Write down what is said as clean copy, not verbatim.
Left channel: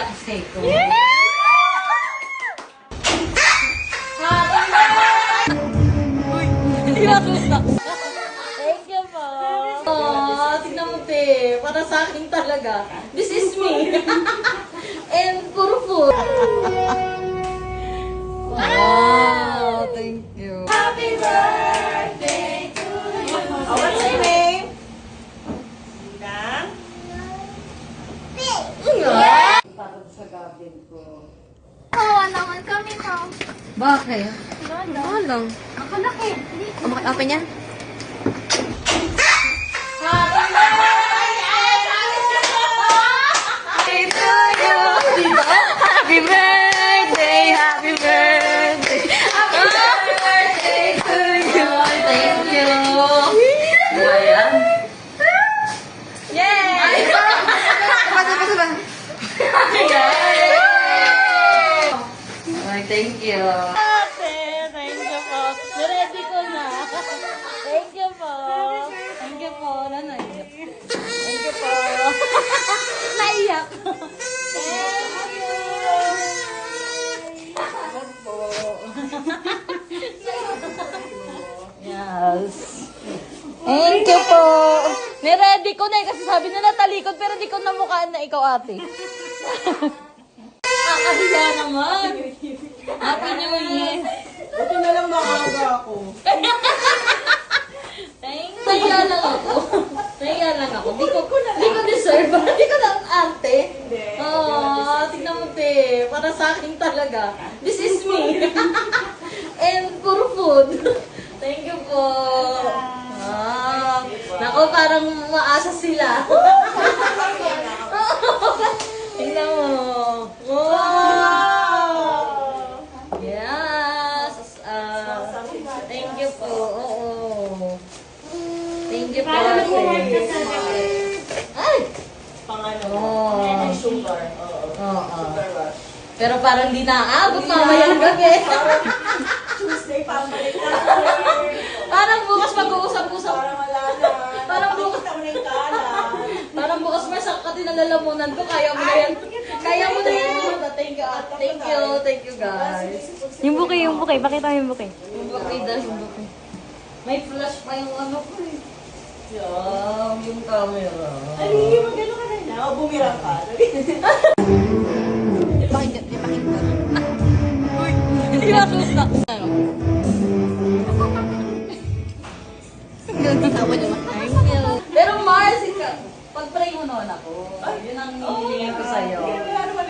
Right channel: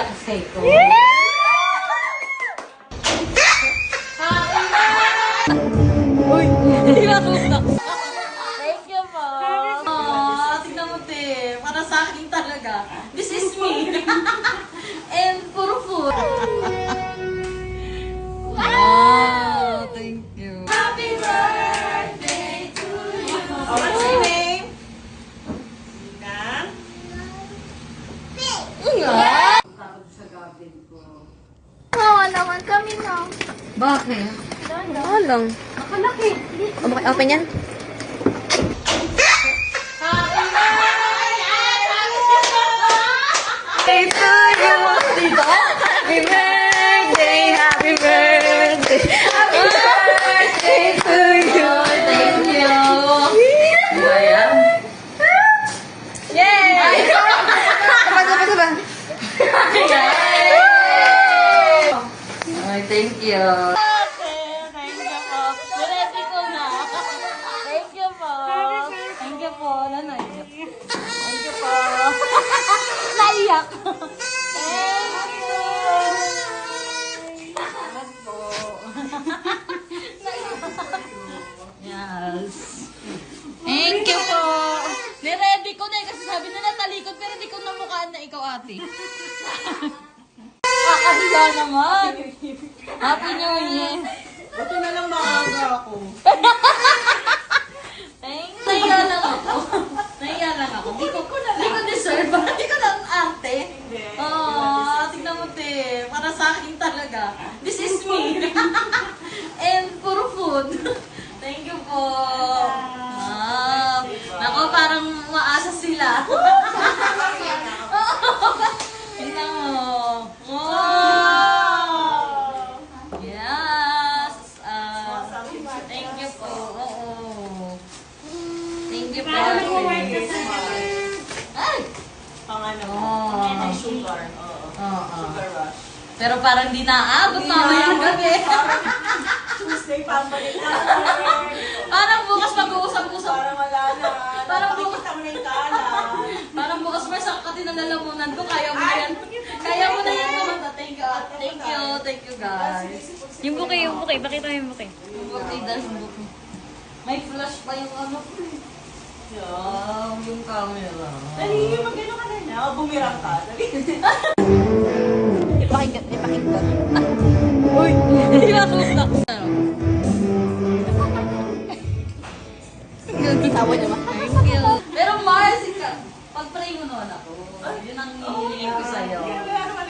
kakasay ko. Uy, hindi matutak. Thank you po. Tignan mo, te. Para sa akin talaga. This is me. And puro food. Wow, thank you. Happy birthday to you. What's your name? Takot sa gabin ko. Oo naman kami, no? Bakit? Oo lang. Makalaki. Open yan? Happy birthday, happy birthday, happy birthday to you. Thank you. Ayan. Yay! Saba. Ay, thank you. Ready ko na. Thank you po. Thank you po. Nanay. Thank you po. Naiyak. Salamat po. Yes. Thank you po. Niready ko na eh, kasi sabi na natalikod pero di ko namukhaan na ikaw ate. Kakahiya naman. Happy New Year. Buti na lang maaga ako. Thank you. Nahiya lang ako. Nahiya lang ako. Di ko deserve. Di ko lang ate. Oh, tignan mo te. Para sa akin talaga. This is me. And puro food. Thank you po. Nako, parang maasa sila. Tingnan mo. Wow! Yes! Thank you po. Oo. Thank you po. Ay! Pang ano? Oh. May sugar. Oo. Sugar rush. Pero parang di naabot mamayang gabi. Tuesday, pambalik na. Parang bukas mag-uusap-usap. Parang wala na. Parang bukas. Nakikita ko na yung kanan. Parang bukas may sakati na lalamunan ko. Kaya mo na yan. Kaya mo na yan. Thank you. Thank you. Thank you guys. Yung bouquet. Pakita mo yung bouquet. Yung bouquet dahil yung bouquet. May flash pa yung ano ko eh. Yung camera. Dali, mag-ano ka na na. Bumirang ka. Dali.